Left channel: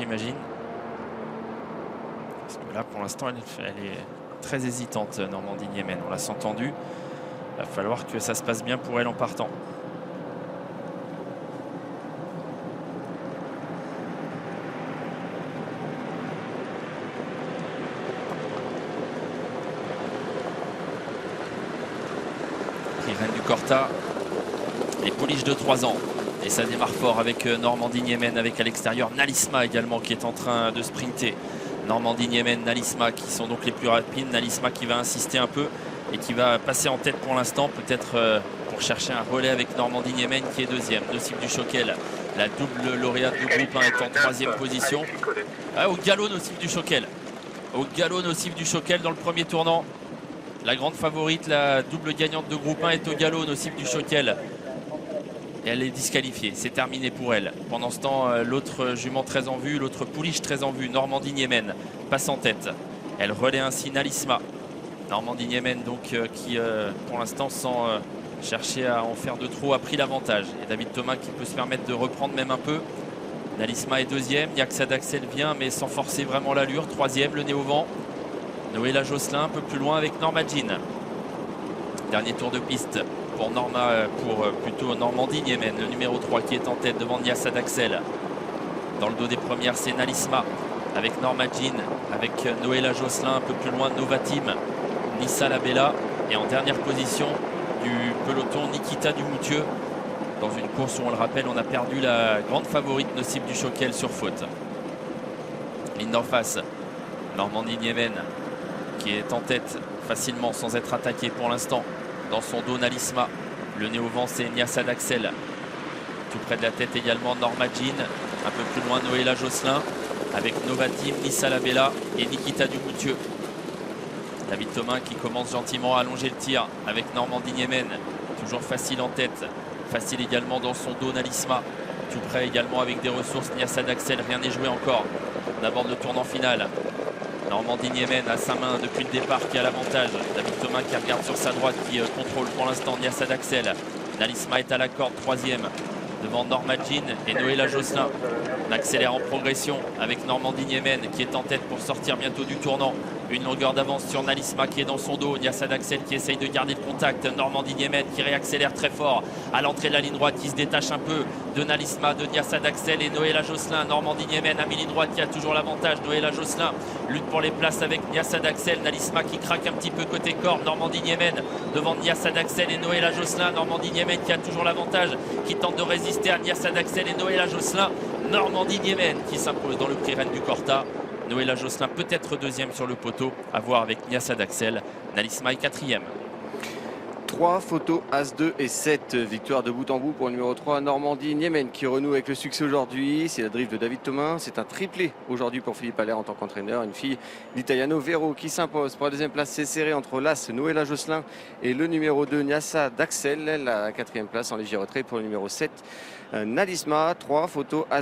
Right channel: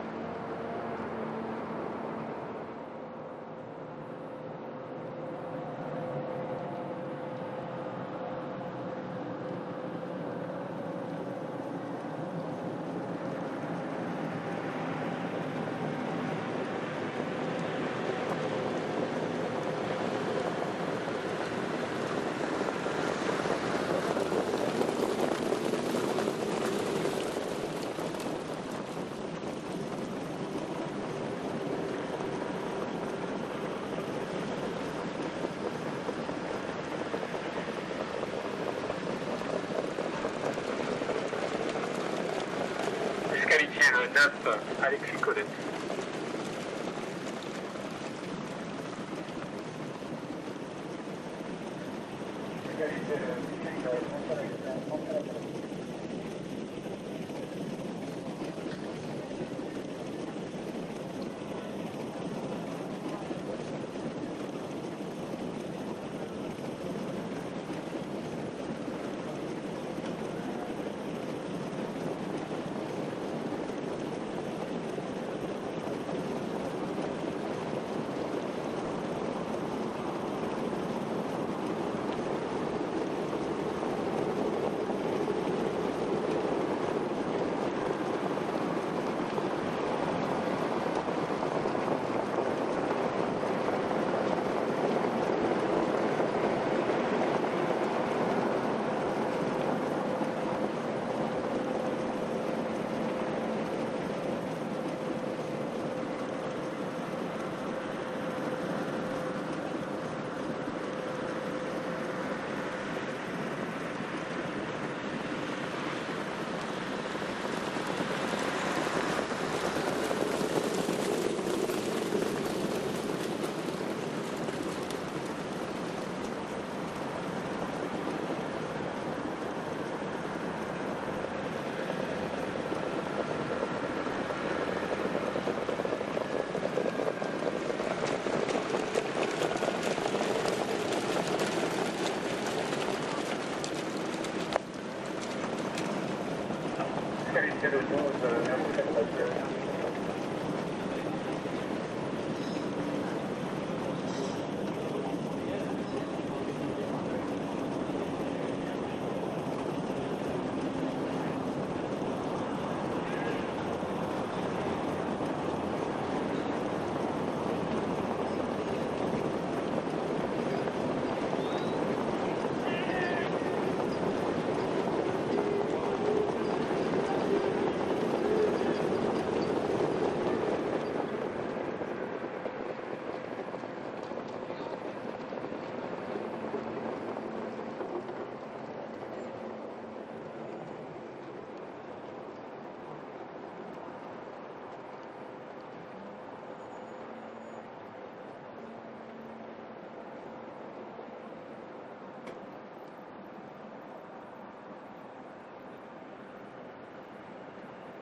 j'imagine. Parce que là, pour l'instant, elle est très hésitante, Normandie Niemen. On l'a entendu. Il va falloir que ça se passe bien pour elle en partant. Corta, les pouliches de 3 ans. Et ça démarre fort avec Normandie Niemen, avec à l'extérieur Nalisma également qui est en train de sprinter. Normandie Niemen, Nalisma qui sont donc les plus rapides. Nalisma qui va insister un peu et qui va passer en tête pour l'instant, peut-être pour chercher un relais avec Normandie Niemen qui est deuxième. Nocif du Choquel, la double lauréate du groupe 1 est en troisième position. Au galop Nocif du Choquel. Au galop Nocif du Choquel dans le premier tournant. La grande favorite, la double gagnante de groupe 1 est au galop, Nocif du Choquel. Et elle est disqualifiée, c'est terminé pour elle. Pendant ce temps, l'autre jument très en vue, l'autre pouliche très en vue, Normandie Niemen, passe en tête. Elle relaie ainsi Nalisma. Normandie Niemen, donc, qui pour l'instant, sans chercher à en faire de trop, a pris l'avantage. David Thomas qui peut se permettre de reprendre même un peu. Nalisma est deuxième, Niaxa d'Axel vient, mais sans forcer vraiment l'allure. Troisième, le nez au vent. Noéla Josselin un peu plus loin avec Norma Jean. Dernier tour de piste pour plutôt Normandie Niemen, le numéro 3 qui est en tête devant Niassa d'Axel. Dans le dos des premières, c'est Nalisma avec Norma Jean, avec Noéla Josselin un peu plus loin, Novatim, Nissa Labella. Et en dernière position du peloton, Nikita Dumoutieu. Dans une course où, on le rappelle, on a perdu la grande favorite Nocif du Choquel sur faute. Ligne d'en face, Normandie Niemen qui est en tête facilement sans être attaqué pour l'instant. Dans son dos, Nalisma. Le nez au vent, c'est Niassa d'Axel. Tout près de la tête également, Norma Jean. Un peu plus loin, Noéla Josselin. Avec Novatim, Nissa Labella et Nikita Dumoutieu. David Thomas qui commence gentiment à allonger le tir avec Normandie Niemen. Toujours facile en tête. Facile également dans son dos, Nalisma. Tout près également avec des ressources, Niassa d'Axel. Rien n'est joué encore. On aborde le tournant final. Normandie Niemen à sa main depuis le départ qui a l'avantage. David Thomas qui regarde sur sa droite, qui contrôle pour l'instant Niassa d'Axel. Nalisma est à la corde, troisième devant Norma Jean et Noéla Josselin. On accélère en progression avec Normandie Niemen qui est en tête pour sortir bientôt du tournant. Une longueur d'avance sur Nalisma qui est dans son dos. Niassa d'Axel qui essaye de garder le contact. Normandie Niemen qui réaccélère très fort à l'entrée de la ligne droite, qui se détache un peu de Nalisma, de Niassa d'Axel et Noéla Josselin. Normandie Niemen à mi-ligne droite qui a toujours l'avantage. Noéla Josselin lutte pour les places avec Niassa d'Axel. Nalisma qui craque un petit peu côté corde. Normandie Niemen devant Niassa d'Axel et Noéla Josselin. Normandie Niemen qui a toujours l'avantage, qui tente de résister à Niassa d'Axel et Noéla Josselin. Normandie Niemen qui s'impose dans le prix Reine du Corta. Noéla Josselin peut-être deuxième sur le poteau, à voir avec Niassa d'Axel. Nalisma est quatrième. 3 photos, As-2 et 7. Victoire de bout en bout pour le numéro 3, Normandie Niemen, qui renoue avec le succès aujourd'hui. C'est la drift de David Thomas. C'est un triplé aujourd'hui pour Philippe Allaire en tant qu'entraîneur. Une fille d'Italiano Vero qui s'impose. Pour la deuxième place, c'est serré entre l'As Noéla Josselin et le numéro 2, Niassa d'Axel. La quatrième place en léger retrait pour le numéro 7, Nalisma. 3 photos, As